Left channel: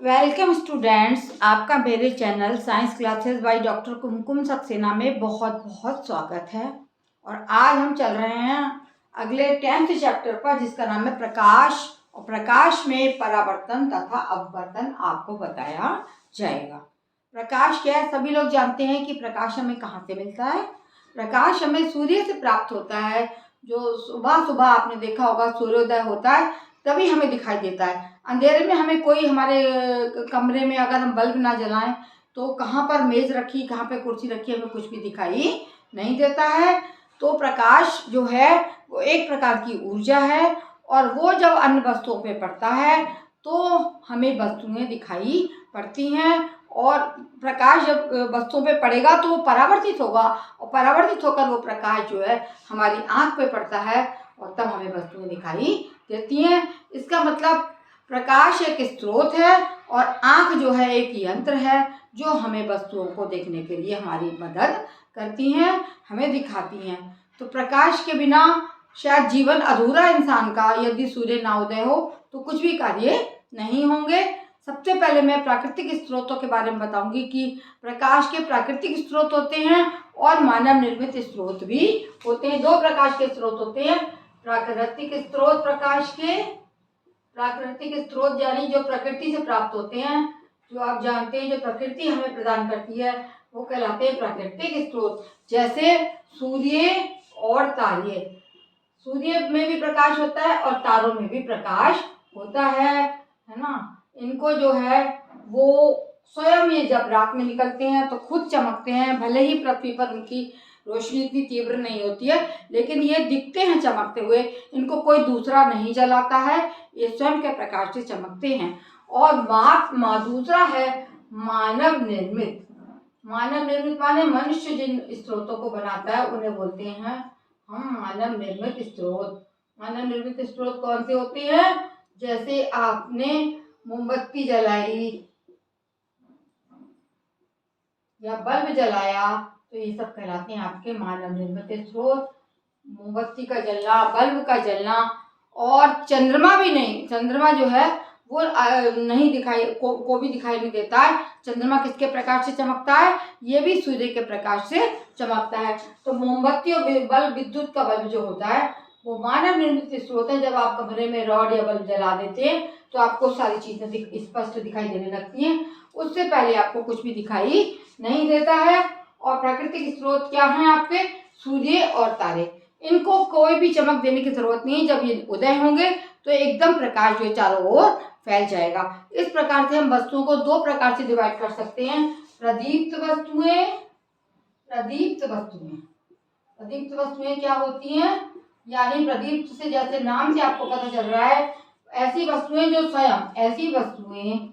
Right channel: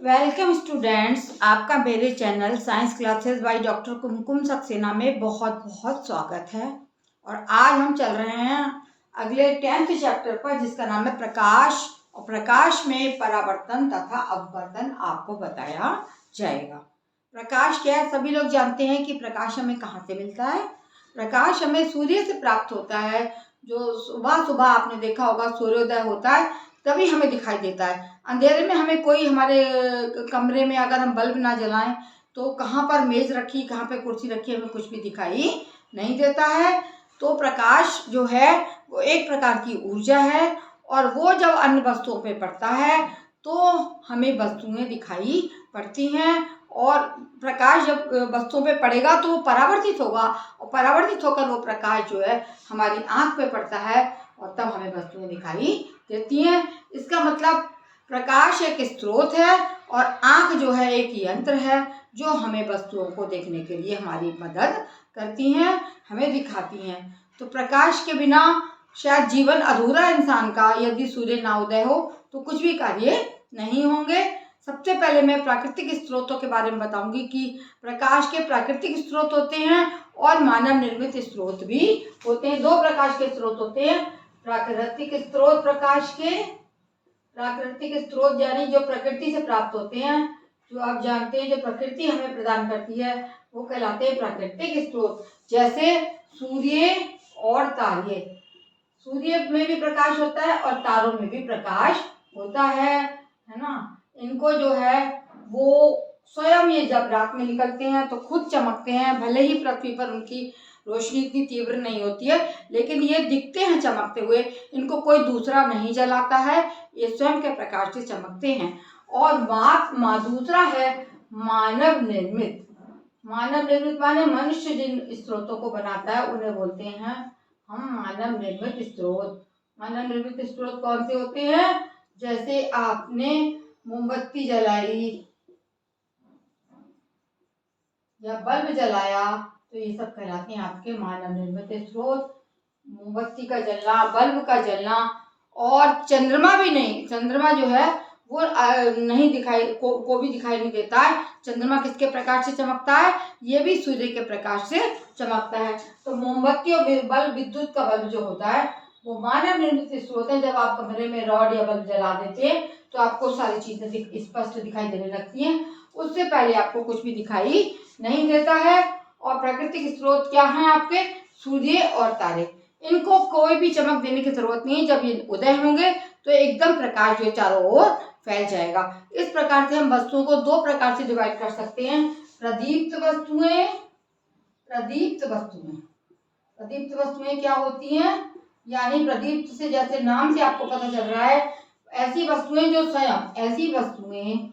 Welcome students, आपका मेरे channel science classes by doctor Kumkum Saxena में बहुत बहुत स्वागत है। और आज हम चल रहे हैं अगले 10th चैप्टर पर, जिसका नाम है प्रकाश। और प्रकाश में परावर्तन तथा अपवर्तन आपको बताया जाएगा। प्रकाश क्या है? सभी लोग जानते हैं कि प्रकाश हमें कहाँ से मिलता है। प्रकाश हमें सूर्य से प्राप्त होता है। जो सुबह सुबह आपने देखा होगा सूर्योदय होता है तभी हमें दिखाई देता है। अंधेरे में हमें कोई हमारे कमरे में अगर हम बल्ब ना जलाएं तो कहाँ पर मेज रखी, कहाँ पे कुर्सी रखी, हमें कुछ भी दिखाई नहीं देता है। तो प्रकाश जो है वो एक प्रकार की ऊर्जा है, और वो जब अन्य वस्तुओं पे पड़ता है तो हमें वस्तुएं दिखाई पड़ती हैं। और प्रकाश जब वस्तुओं पे पड़ेगा तो वो परावर्तित होगा, और परावर्तित होकर वो प्रकाश जो है हमारी आँख पे पड़ता है, और तब हमें वस्तुएं दिखाई देती हैं। इसका मतलब प्रकाश एक स्रोत है और आँख जो है एक यंत्र है जो हमें वस्तुओं को देखने के लिए हमारी मदद करती हैं, हमें दिखाती हैं। तो प्रकाश के बिना शायद जीवन अधूरा है इंसान का। यदि सूर्य ना उदय हो तो कुछ भी कार्य नहीं होंगे। सबसे पहले मैं प्राकृतिक स्रोतों के बारे में बताऊंगी कि प्रकाश के प्राकृतिक स्रोत होते हैं और मानव निर्मित स्रोत भी होते हैं। दो प्रकाश के स्रोत होते हैं। प्राकृतिक स्रोत प्रकाश के, प्राकृतिक स्रोत यानी जो प्रकृति से प्राप्त होते हैं, जो आप जानते हैं जो प्रकृति हमें प्रदान करती है, वो कहलाते हैं प्राकृतिक स्रोत। जैसे सूर्य और तारे। सूर्य में भी प्रकाश होता है और तारों में भी प्रकाश होता है ना। इनको जो है वो स्वयं ये जब रात में निकलते हैं तो खुद चमकते हैं। भले ही पृथ्वी पर उनकी रोशनी इतनी तीव्र नहीं होती है, लेकिन ये दिखते हैं चमकते हुए। इनको कोई दूसरा नहीं जलाता है, ये स्वयं के प्रकाश से चमकते हैं। और दूसरा है मानव निर्मित। मानव निर्मित माने मनुष्य जिन स्रोतों को बनाता है उन्हें बोलते हैं हम मानव निर्मित स्रोत। मानव निर्मित स्रोत कौन से होते हैं? जैसे आपने मोमबत्ती जलाई या बल्ब जलाया तो ये सब कहलाते हैं आपके मानव निर्मित स्रोत। मोमबत्ती का जलना, बल्ब का जलना। और चंद्रमा भी नहीं, चंद्रमा जो है वो नहीं दिखाई को भी दिखाई नहीं देता है। चंद्रमा किसके प्रकाश से चमकता है? ये भी सूर्य के प्रकाश से चमकता है। तो मोमबत्ती और बल्ब, विद्युत का बल्ब जो होता है वो मानव निर्मित स्रोत है। जब आप कमरे में रॉड या बल्ब जला देते हैं तो आपको सारी चीजें स्पष्ट दिखाई देने लगती हैं। उससे पहले आपको कुछ भी दिखाई नहीं देता है। और प्राकृतिक स्रोत क्या है आपके? सूर्य और तारे। इनको कोई भी चमक देने की जरूरत नहीं है। जब ये उदय होंगे तो एकदम प्रकाश जो चारों ओर फैल जाएगा। इस प्रकार से हम वस्तुओं को दो प्रकार से डिवाइड कर सकते हैं। प्रदीप्त वस्तुएं, प्रदीप्त वस्तुएं। प्रदीप्त वस्तुएं क्या होती हैं? यानी प्रदीप्त से, जैसे नाम से आपको पता चल रहा है, ऐसी वस्तुएं जो स्वयं, ऐसी वस्तुएं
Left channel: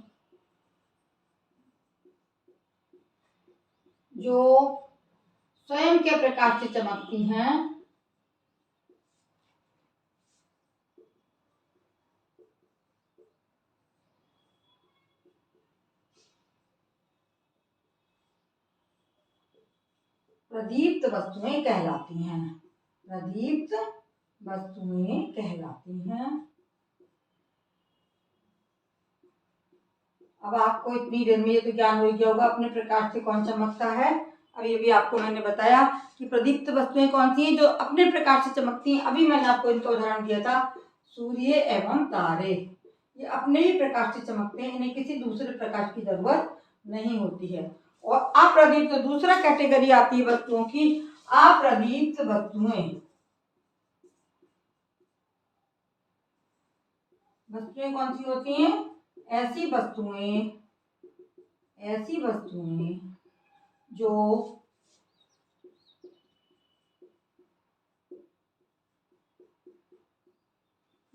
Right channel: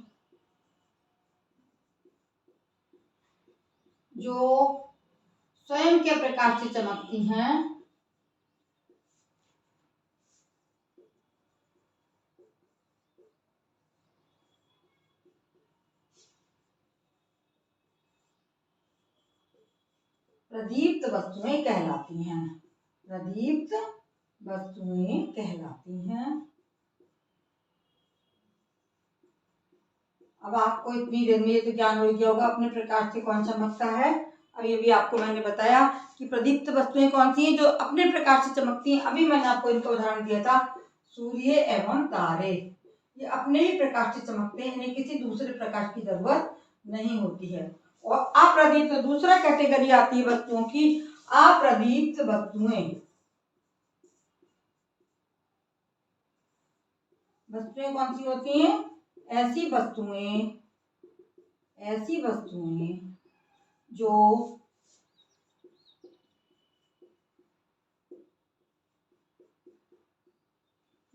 जो स्वयं के प्रकाश से चमकती हैं, प्रदीप्त वस्तुएं कहलाती हैं। प्रदीप्त वस्तुएं कहलाती हैं। अब आपको इतनी देर में ये तो ज्ञान हो गया होगा अपने प्रकाश से कौन चमकता है। अब ये भी आपको मैंने बताया कि प्रदीप्त वस्तुएं कौन सी हैं जो अपने प्रकाश से चमकती हैं। अभी मैंने आपको इनका उदाहरण दिया था, सूर्य एवं तारे। ये अपने ही प्रकाश से चमकते हैं, इन्हें किसी दूसरे प्रकाश की जरूरत नहीं होती है। और अप्रदीप्त दूसरा कैटेगरी आती है वस्तुओं की, अप्रदीप्त वस्तुएं। वस्तुएं कौन सी होती हैं? ऐसी वस्तुएं, ऐसी वस्तुएं जो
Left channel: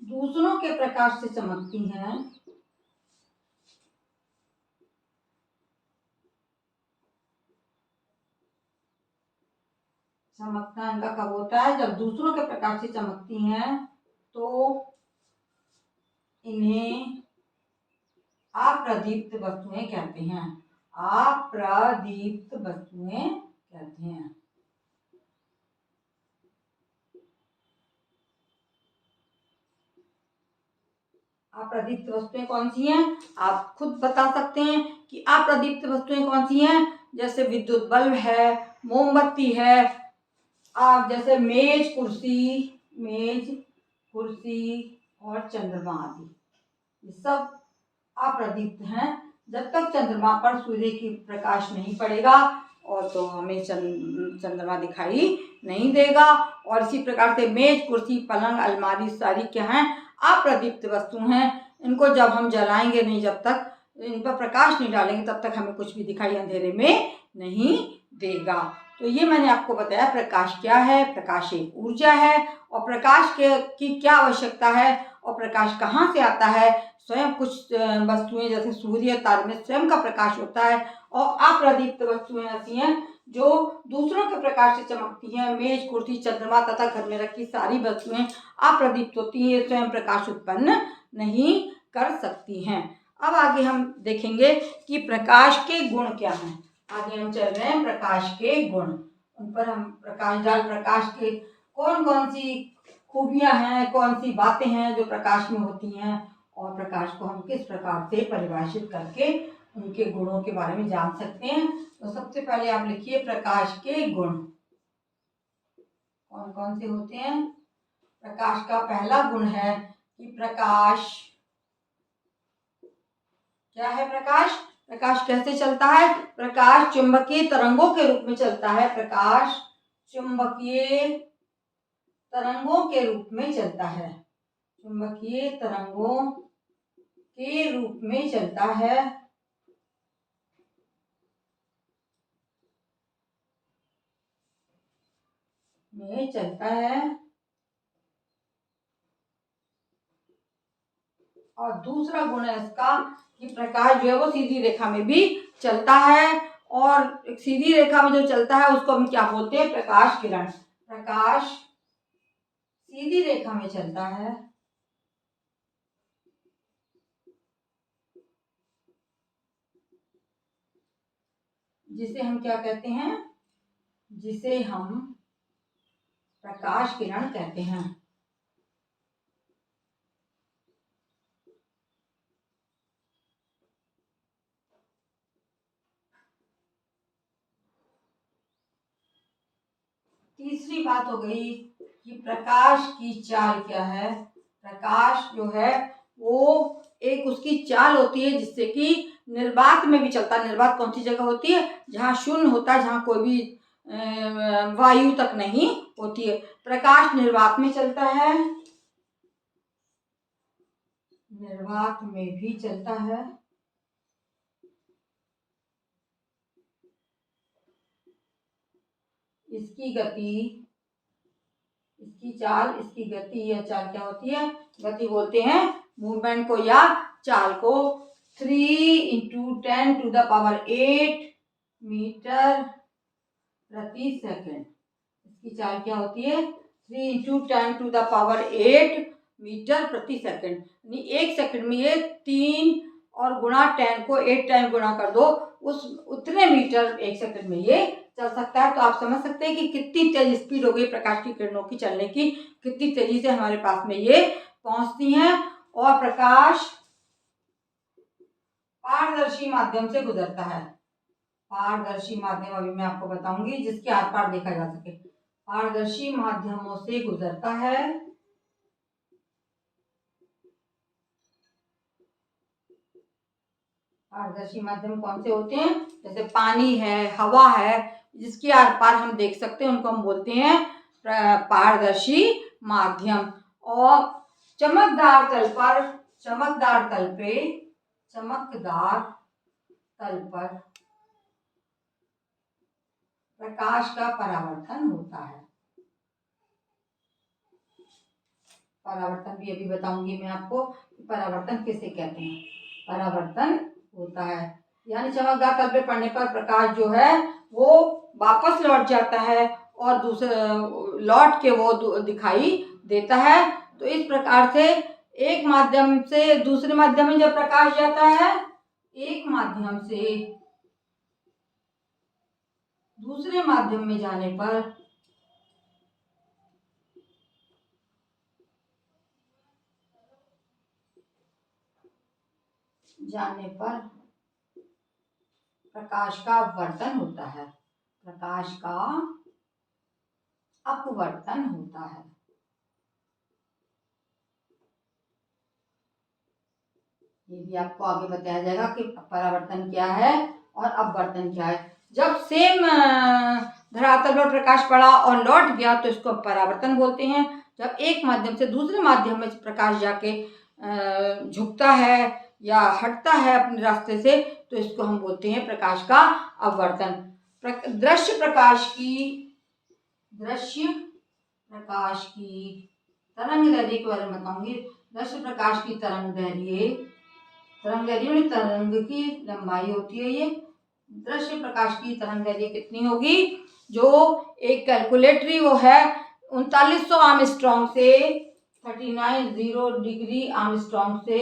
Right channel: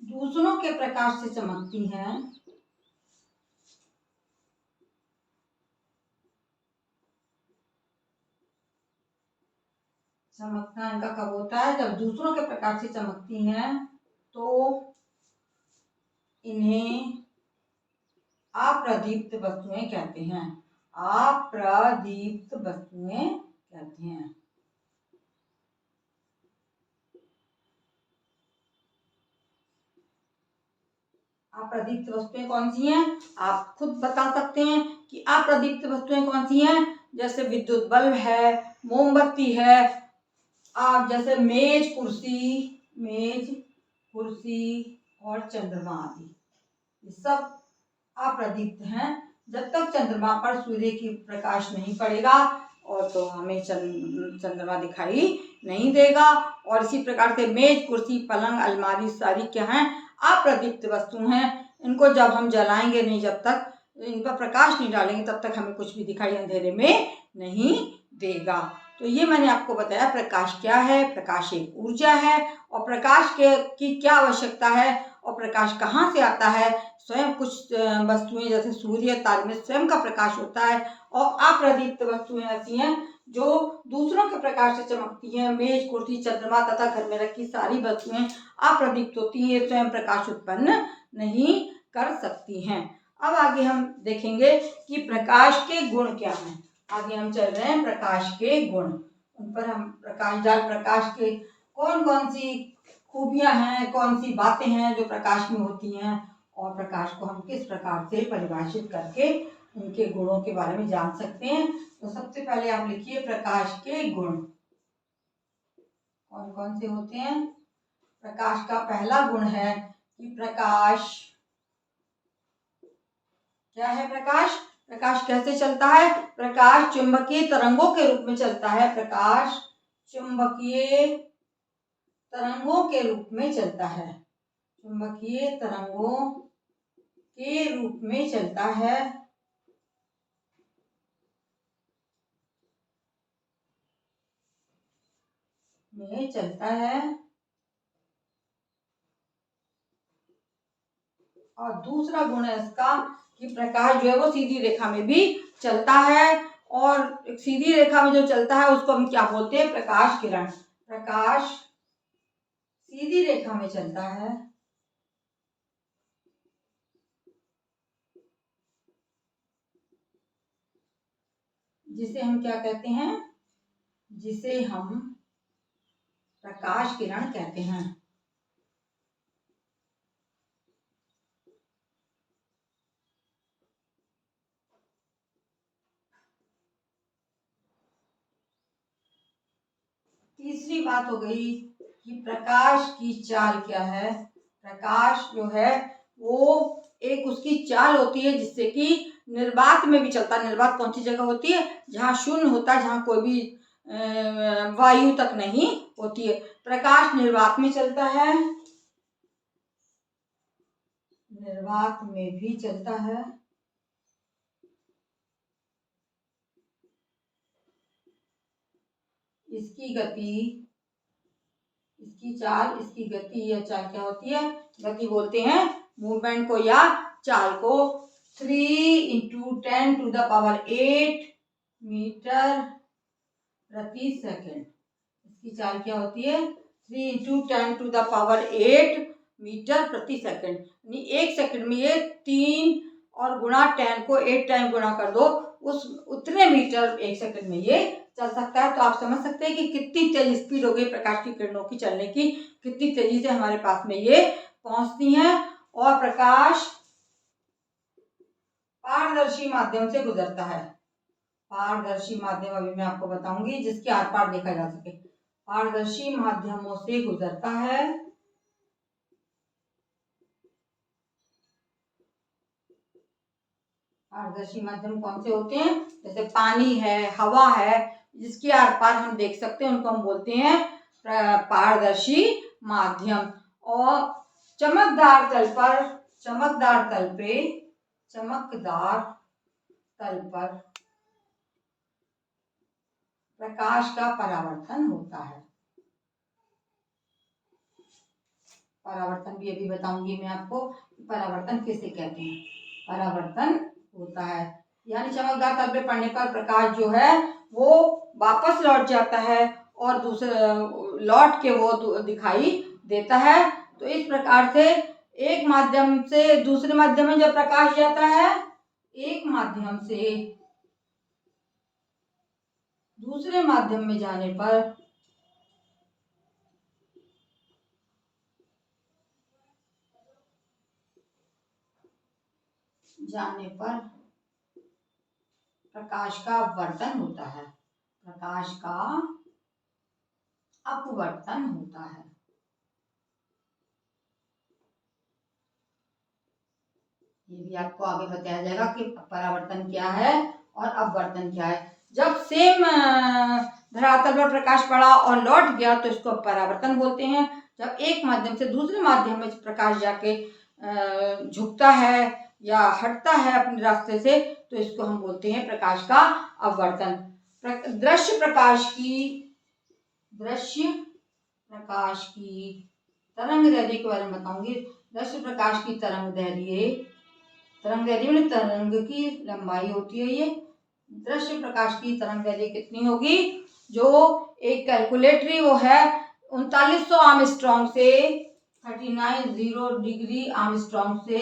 दूसरों के प्रकाश से चमकती हैं। चमकना इनका कब होता है? जब दूसरों के प्रकाश से चमकती हैं तो इन्हें अप्रदीप्त वस्तुएं कहते हैं। अप्रदीप्त वस्तुएं कहते हैं। अप्रदीप्त वस्तुएं कौन सी हैं? आप खुद बता सकते हैं कि अप्रदीप्त वस्तुएं कौन सी हैं। जैसे विद्युत बल्ब है, मोमबत्ती है, आप जैसे मेज कुर्सी और चंद्रमा आदि, ये सब अप्रदीप्त हैं। जब तक चंद्रमा पर सूर्य की प्रकाश नहीं पड़ेगा और तो हमें चंद्रमा दिखाई नहीं देगा। और इसी प्रकार से मेज, कुर्सी, पलंग, अलमारी सारी क्या हैं? अप्रदीप्त वस्तु हैं। इनको जब हम जलाएंगे नहीं, जब तक इन पर प्रकाश नहीं डालेंगे, तब तक हमें कुछ भी दिखाई अंधेरे में नहीं देगा। तो ये मैंने आपको बताया प्रकाश क्या है। प्रकाश एक ऊर्जा है और प्रकाश की क्या आवश्यकता है और प्रकाश कहाँ से आता है। स्वयं कुछ वस्तुएं जैसे सूर्य, तारे में स्वयं का प्रकाश होता है और अप्रदीप्त वस्तुएं ऐसी हैं जो दूसरों के प्रकाश से चमकती हैं। मेज, कुर्सी, चंद्रमा तथा घर में रखी सारी वस्तुएं अप्रदीप्त होती हैं, स्वयं प्रकाश उत्पन्न नहीं कर सकती हैं। अब आगे हम देखेंगे कि प्रकाश के गुण क्या हैं। आगे हम चल रहे हैं प्रकाश के गुण, उन पर हम प्रकाश के कौन कौन सी खूबियां हैं, कौन सी बातें हैं जो प्रकाश में होती हैं और प्रकाश को हम किस प्रकार से परिभाषित करके उनके गुणों के बारे में जान सकते हैं। तो सबसे पहले आप लिखिए प्रकाश के गुण कौन कौन से होते हैं। प्रकाश का पहला गुण है कि प्रकाश क्या है? प्रकाश कैसे चलता है? प्रकाश चुंबकीय तरंगों के रूप में चलता है। प्रकाश चुंबकीय तरंगों के रूप में चलता है। चुंबकीय तरंगों के रूप में चलता है। और दूसरा गुण है इसका कि प्रकाश जो है वो सीधी रेखा में भी चलता है। और एक सीधी रेखा में जो चलता है उसको हम क्या बोलते हैं? प्रकाश किरण। प्रकाश सीधी रेखा में चलता है, जिसे हम क्या कहते हैं? जिसे हम प्रकाश किरण कहते हैं। तीसरी बात हो गई कि प्रकाश की चाल क्या है। प्रकाश जो है वो एक उसकी चाल होती है जिससे कि निर्वात में भी चलता है। निर्वात कौन सी जगह होती है? जहाँ शून्य होता है, जहाँ कोई भी वायु तक नहीं होती है। प्रकाश निर्वात में चलता है, निर्वात में भी चलता है। इसकी गति या चाल क्या होती है? गति बोलते हैं मूवमेंट को या चाल को। 3 × 10⁸ मीटर प्रति सेकंड। इसकी चाल क्या होती है? 3 × 10⁸ मीटर प्रति सेकंड। यानी एक सेकंड में ये 3 और गुणा 10 को 8 टाइम गुणा कर दो, उस उतने मीटर एक सेकंड में ये चल सकता है। तो आप समझ सकते हैं कि कितनी तेज स्पीड हो गई प्रकाश की किरणों की चलने की, कितनी तेजी से हमारे पास में ये पहुंचती हैं। और प्रकाश पारदर्शी माध्यम से गुजरता है। पारदर्शी माध्यम अभी मैं आपको बताऊंगी जिसके आर पार देखा जा सके। पारदर्शी माध्यमों से गुजरता है। पारदर्शी माध्यम कौन से होते हैं? जैसे पानी है, हवा है, जिसके आर पार हम देख सकते हैं, उनको हम बोलते हैं पारदर्शी माध्यम। और चमकदार तल पर प्रकाश का परावर्तन होता है। परावर्तन भी अभी बताऊंगी मैं आपको कि परावर्तन किसे कहते हैं। परावर्तन होता है यानी चमकदार तल पे पड़ने पर प्रकाश जो है वो वापस लौट जाता है और दूसरे लौट के वो दिखाई देता है। तो इस प्रकार से एक माध्यम से दूसरे माध्यम में जब प्रकाश जाता है, एक माध्यम से दूसरे माध्यम में जाने पर जाने पर प्रकाश का अपवर्तन होता है। प्रकाश का अपवर्तन होता है। ये भी आपको आगे बताया जाएगा कि परावर्तन क्या है और अपवर्तन क्या है। जब सेम धरातल पर प्रकाश पड़ा और लौट गया तो इसको परावर्तन बोलते हैं। जब एक माध्यम से दूसरे माध्यम में प्रकाश जाके झुकता है या हटता है अपने रास्ते से तो इसको हम बोलते हैं प्रकाश का अपवर्तन। दृश्य प्रकाश की तरंग दैर्ध्य के बारे में बताऊंगी। दृश्य प्रकाश की तरंग दैर्ध्य में तरंग की लंबाई होती है। ये दृश्य प्रकाश की तरंग दैर्ध्य कितनी होगी, जो एक कैलकुलेटरी वो है 3900 आर्मस्ट्रॉन्ग से 3900 डिग्री आर्मस्ट्रॉन्ग से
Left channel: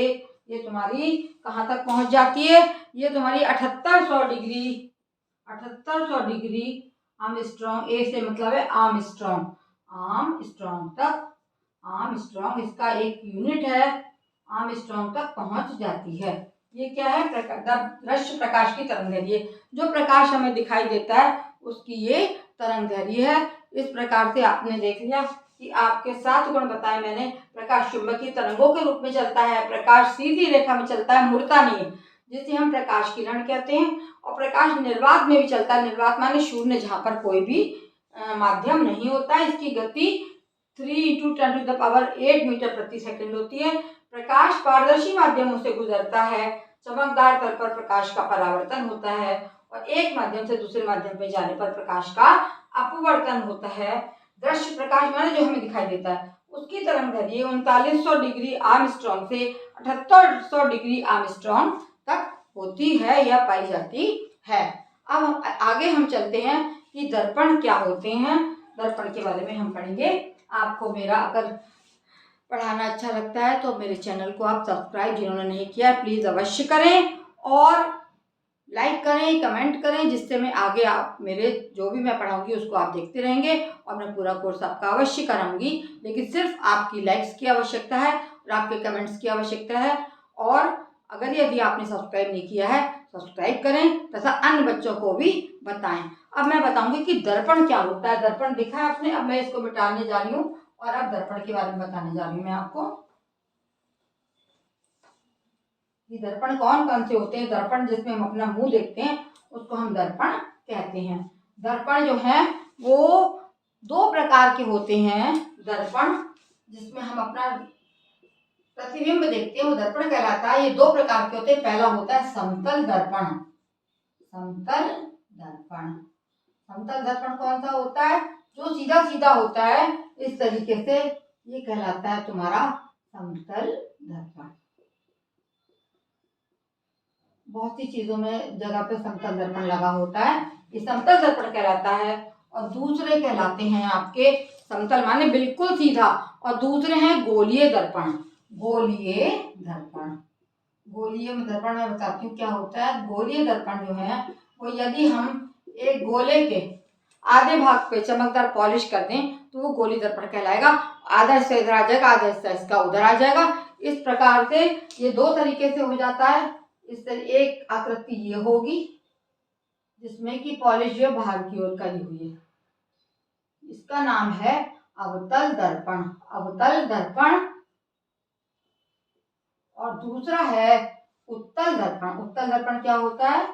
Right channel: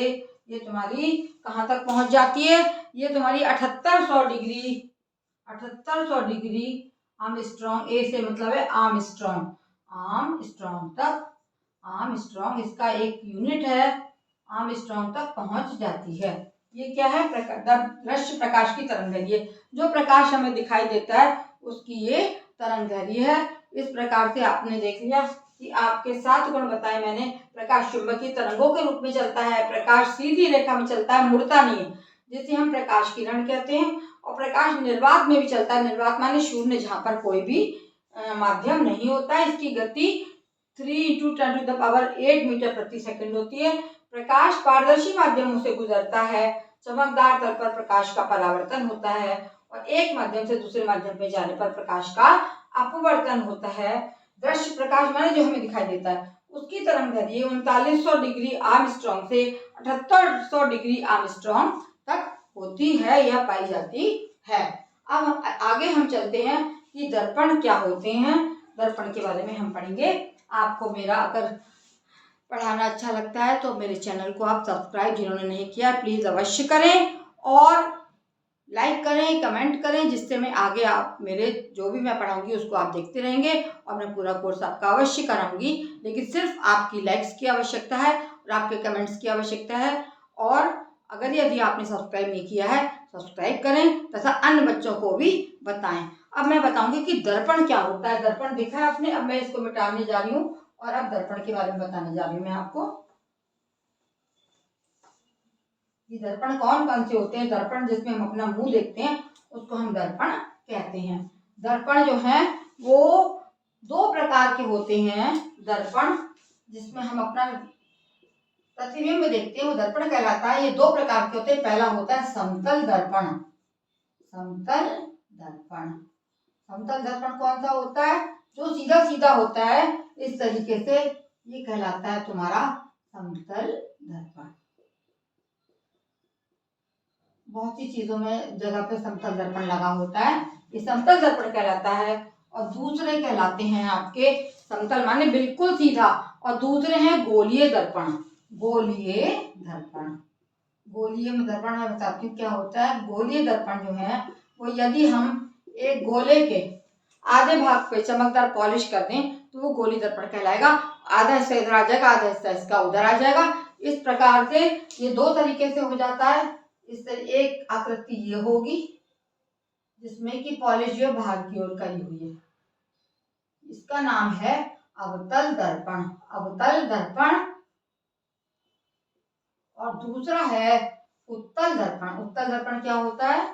ये तुम्हारी कहाँ तक पहुंच जाती है, ये तुम्हारी 7800 डिग्री आर्मस्ट्रॉन्ग, ए से मतलब है आर्मस्ट्रॉन्ग तक, आर्मस्ट्रॉन्ग इसका एक यूनिट है, आर्मस्ट्रॉन्ग तक पहुंच जाती है। ये क्या है, दृश्य प्रकाश की तरंग दैर्ध्य। जो प्रकाश हमें दिखाई देता है उसकी ये तरंग दैर्ध्य है। इस प्रकार से आपने देख लिया कि आपके 7 गुण बताए मैंने। प्रकाश चुंबकीय तरंगों के रूप में चलता है, प्रकाश सीधी रेखा में चलता है, मुड़ता नहीं है, जिसे हम प्रकाश किरण कहते हैं। और प्रकाश निर्वात में भी चलता है। निर्वात माने शून्य, जहाँ पर कोई भी माध्यम नहीं होता है। इसकी गति 3 × 10⁸ मीटर प्रति सेकंड होती है। प्रकाश पारदर्शी माध्यमों से गुजरता है। चमकदार तल पर प्रकाश का परावर्तन होता है और एक माध्यम से दूसरे माध्यम पे जाने पर प्रकाश का अपवर्तन होता है। दृश्य प्रकाश माने जो हमें दिखाई देता है उसकी तरंग दैर्ध्य 3900 डिग्री आर्मस्ट्रॉन्ग से 7800 डिग्री आर्मस्ट्रॉन्ग तक होती है या पाई जाती है। अब आगे हम चलते हैं कि दर्पण क्या होते हैं। दर्पण के बारे में हम पढ़ेंगे। आपको मेरा अगर पढ़ाना अच्छा लगता है तो मेरे चैनल को आप सब्सक्राइब जिन्होंने नहीं किया प्लीज़ अवश्य करें और लाइक करें, कमेंट करें, जिससे मैं आगे आप मेरे जो भी मैं पढ़ाऊंगी उसको आप देखते रहेंगे और मैं पूरा कोर्स आपका अवश्य कराऊंगी। लेकिन सिर्फ आपकी लाइक्स की आवश्यकता है और आपके कमेंट्स की आवश्यकता है। और अगर यदि आपने सब्सक्राइब नहीं किया है सब्सक्राइब करें तथा अन्य बच्चों को भी बताएं। अब मैं बताऊंगी कि दर्पण क्या होता है। दर्पण देखा है आपने, अब मैं इसको मिटाने जा रही हूँ और अब दर्पण के बारे में बताने जा रही हूँ मैं आपको कि दर्पण कौन कौन से होते हैं। दर्पण जिसमें हम अपना मुंह देखते हैं उसको हम दर्पण कहते हैं। दर्पण जो है वो 2 प्रकार के होते हैं। दर्पण जिसमें हम अपना प्रतिबिंब देखते हैं वो दर्पण कहलाता है। ये 2 प्रकार के होते हैं। पहला होता है समतल दर्पण। समतल दर्पण, समतल दर्पण कौन सा होता है, जो सीधा सीधा होता है इस तरीके से, ये कहलाता है तुम्हारा समतल दर्पण। बहुत सी चीजों में जगह पे समतल दर्पण लगा होता है, ये समतल दर्पण कहलाता है। और दूसरे कहलाते हैं आपके, समतल माने बिल्कुल सीधा, और दूसरे हैं गोलीय दर्पण। गोलीय दर्पण, गोलीय दर्पण मैं बताती हूँ क्या होता है। गोलीय दर्पण जो है वो यदि हम एक गोले के आधे भाग पे चमकदार पॉलिश कर दें तो वो गोली दर्पण कहलाएगा। आधा हिस्सा इधर आ जाएगा, आधा हिस्सा इसका उधर आ जाएगा। इस प्रकार से ये 2 तरीके से हो जाता है। इस तरह एक आकृति ये होगी जिसमें कि पॉलिश जो है बाहर की ओर करी हुई है, इसका नाम है अवतल दर्पण। अवतल दर्पण। और दूसरा है उत्तल दर्पण। उत्तल दर्पण क्या होता है,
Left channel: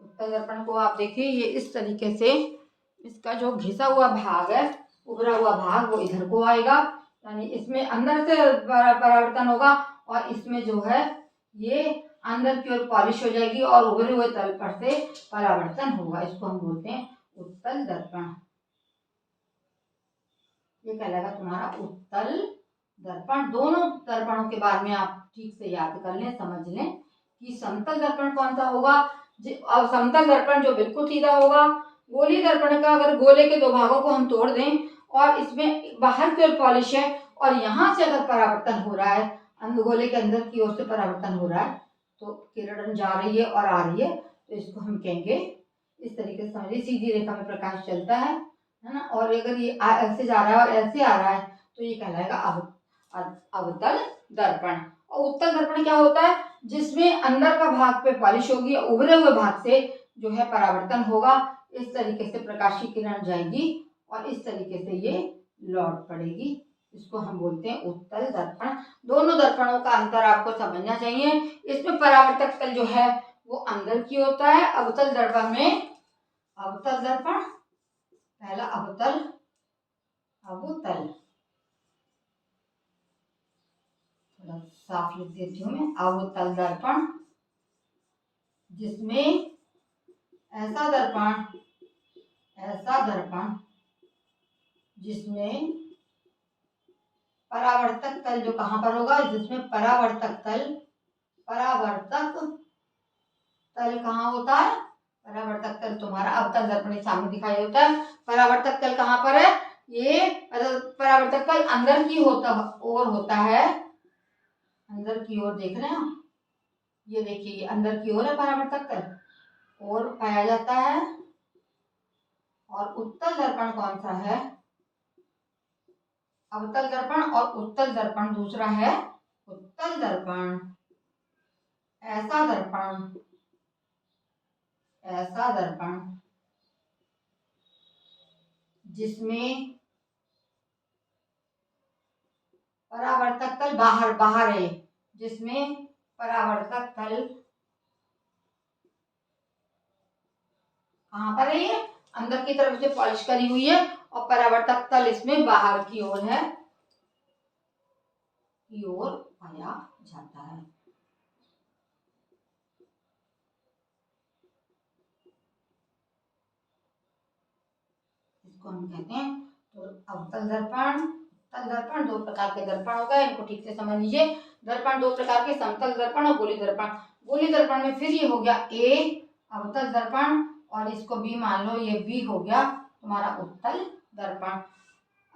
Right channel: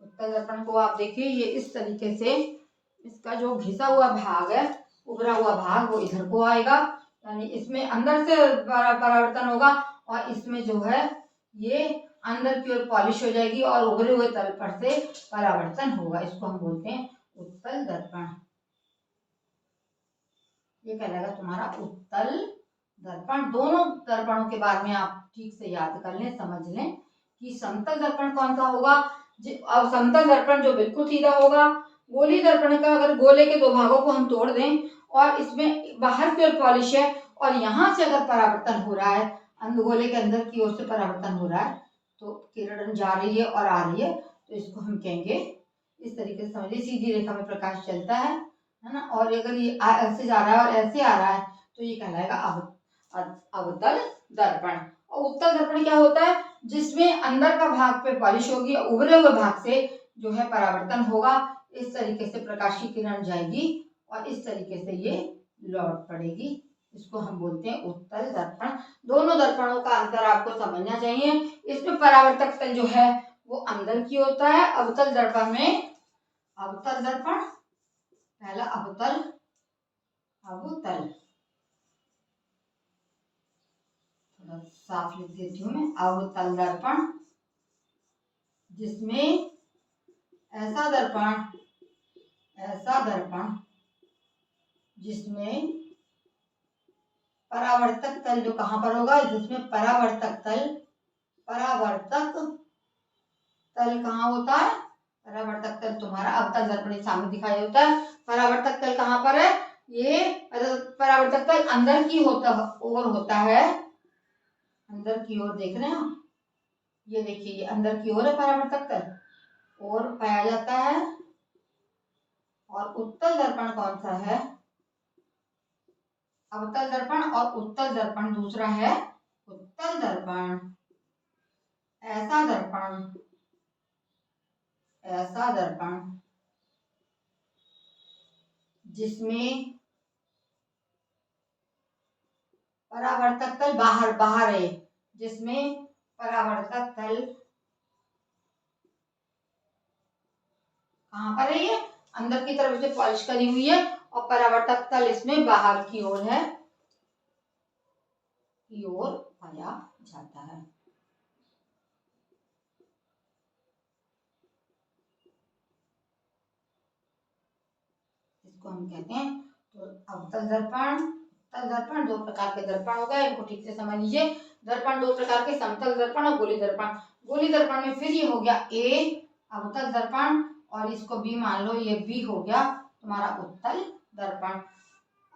उत्तल दर्पण को आप देखिए ये इस तरीके से, इसका जो घिसा हुआ भाग है, उभरा हुआ भाग वो इधर को आएगा, यानी इसमें अंदर से परावर्तन होगा और इसमें जो है ये अंदर की ओर पॉलिश हो जाएगी और उभरे हुए तल पर से परावर्तन होगा। इसको हम बोलते हैं उत्तल दर्पण। ये कहलाएगा तुम्हारा उत्तल दर्पण। दोनों दर्पणों के बारे में आप ठीक से याद कर लें, समझ लें कि समतल दर्पण कौन सा होगा। और समतल दर्पण जो बिल्कुल सीधा होगा। गोलीय दर्पण का अगर गोले के 2 भागों को हम तोड़ दें और इसमें बाहर की ओर पॉलिश है और यहाँ से अगर परावर्तन हो रहा है, गोले के अंदर की ओर से परावर्तन हो रहा है तो किरण जा रही है और आ रही है, तो इसको हम कहेंगे, इस तरीके से समझिए सीधी रेखा में प्रकाश चलता है ना। और अगर ये ऐसे जा रहा है और ऐसे आ रहा है तो ये कहलाएगा अवतल दर्पण। और उत्तल दर्पण क्या होता है, जिसमें अंदर का भाग पे पॉलिश होगी, उभरे हुए भाग से जो है परावर्तन होगा। इस तरीके से प्रकाश की किरण जाएगी और इस तरीके से ये लौट पड़ेगी। इसको हम बोलते हैं उत्तल दर्पण। दोनों दर्पणों का अंतर आपको समझना चाहिए। इसमें परावर्तक तल जो है वो अंदर की होता है। अवतल दर्पण में, अवतल दर्पण पहला, अवतल, अवतल थोड़ा साफ लिख देती हूँ मैं, अवतल दर्पण जिसमें ऐसा दर्पण, ऐसा दर्पण जिसमें परावर्तक तल जो कहाँ पर होगा, जिसमें परावर्तक तल, परावर्तक तल कहाँ होता है, परावर्तक तल तुम्हारा अवतल दर्पण के सामने दिखाई होता है। परावर्तक तल कहाँ पर है, ये परावर्तक तल अंदर की ओर होता है, अंदर की ओर देख रहे हैं, ये देखिए ये अंदर की ओर है परावर्तक तल, और पाया जाता है। और उत्तल दर्पण कौन सा है, अवतल दर्पण और उत्तल दर्पण दूसरा है। उत्तल दर्पण ऐसा दर्पण, ऐसा दर्पण जिसमें परावर्तक तल बाहर, बाहर है, जिसमें परावर्तक तल कहाँ पर है, ये अंदर की तरफ से पॉलिश करी हुई है और परावर्तक तल इसमें बाहर की ओर है, की ओर पाया जाता है। इसको हम कहते हैं, तो अवतल दर्पण, उत्तल दर्पण, दो प्रकार के दर्पण हो गए, इनको ठीक से समझ लीजिए। दर्पण दो प्रकार के, समतल दर्पण और गोली दर्पण। गोली दर्पण में फिर ये हो गया ए अवतल दर्पण और इसको बी मान लो, ये बी हो गया तुम्हारा उत्तल दर्पण।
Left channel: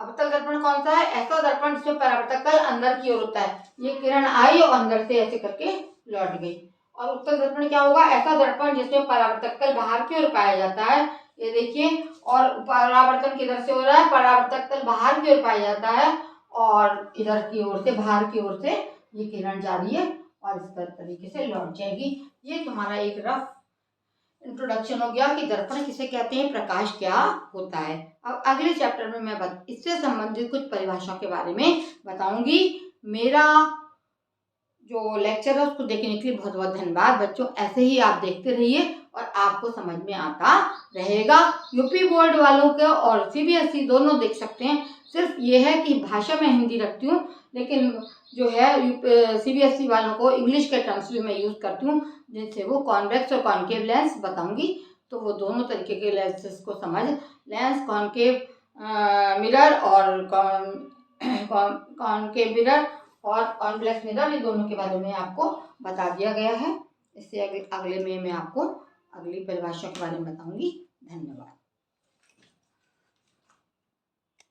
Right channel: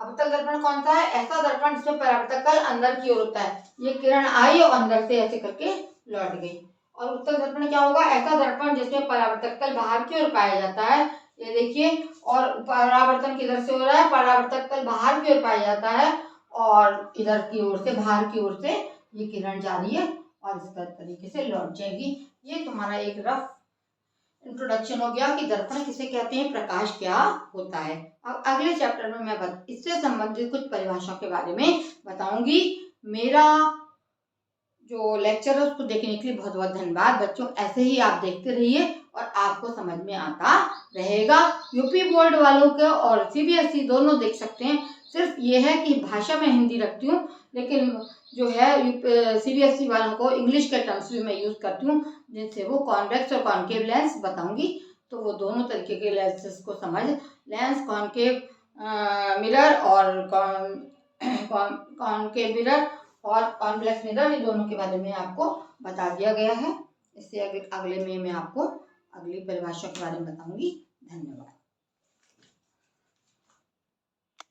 अवतल दर्पण कौन सा है, ऐसा दर्पण जिसमें परावर्तक तल अंदर की ओर होता है, ये किरण आई और अंदर से ऐसे करके लौट गई। और उत्तल दर्पण क्या होगा, ऐसा दर्पण जिसमें परावर्तक तल बाहर की ओर पाया जाता है, ये देखिए, और परावर्तन किधर से हो रहा है, परावर्तक तल बाहर की ओर पाया जाता है और इधर की ओर से, बाहर की ओर से ये किरण जा रही है और इस तरीके से लौट जाएगी। ये तुम्हारा एक रफ इंट्रोडक्शन हो गया कि दर्पण किसे कहते हैं, प्रकाश क्या होता है। अब अगले चैप्टर में मैं इससे संबंधित कुछ परिभाषाओं के बारे में बताऊंगी। मेरा जो लेक्चर है उसको देखने के लिए बहुत बहुत धन्यवाद बच्चों। ऐसे ही आप देखते रहिए और आपको समझ में आता रहेगा। यूपी बोर्ड वालों के और सीबीएसई दोनों देख सकते हैं। सिर्फ ये है कि भाषा में हिंदी रखती हूँ, लेकिन जो है सीबीएसई वालों को इंग्लिश के टर्म्स भी मैं यूज़ करती हूँ, जिनसे वो कॉन्वेक्स और कॉन्केव लेंस बताऊंगी, तो वो दोनों तरीके के लेंसेज को समझ, लेंस कॉन्केव मिरर और कॉन्केव मिरर और कॉन्वेक्स मिरर, ये दोनों के बारे में आपको बता दिया गया है। इससे अगले में मैं आपको अगली परिभाषा के बारे में बताऊंगी। धन्यवाद।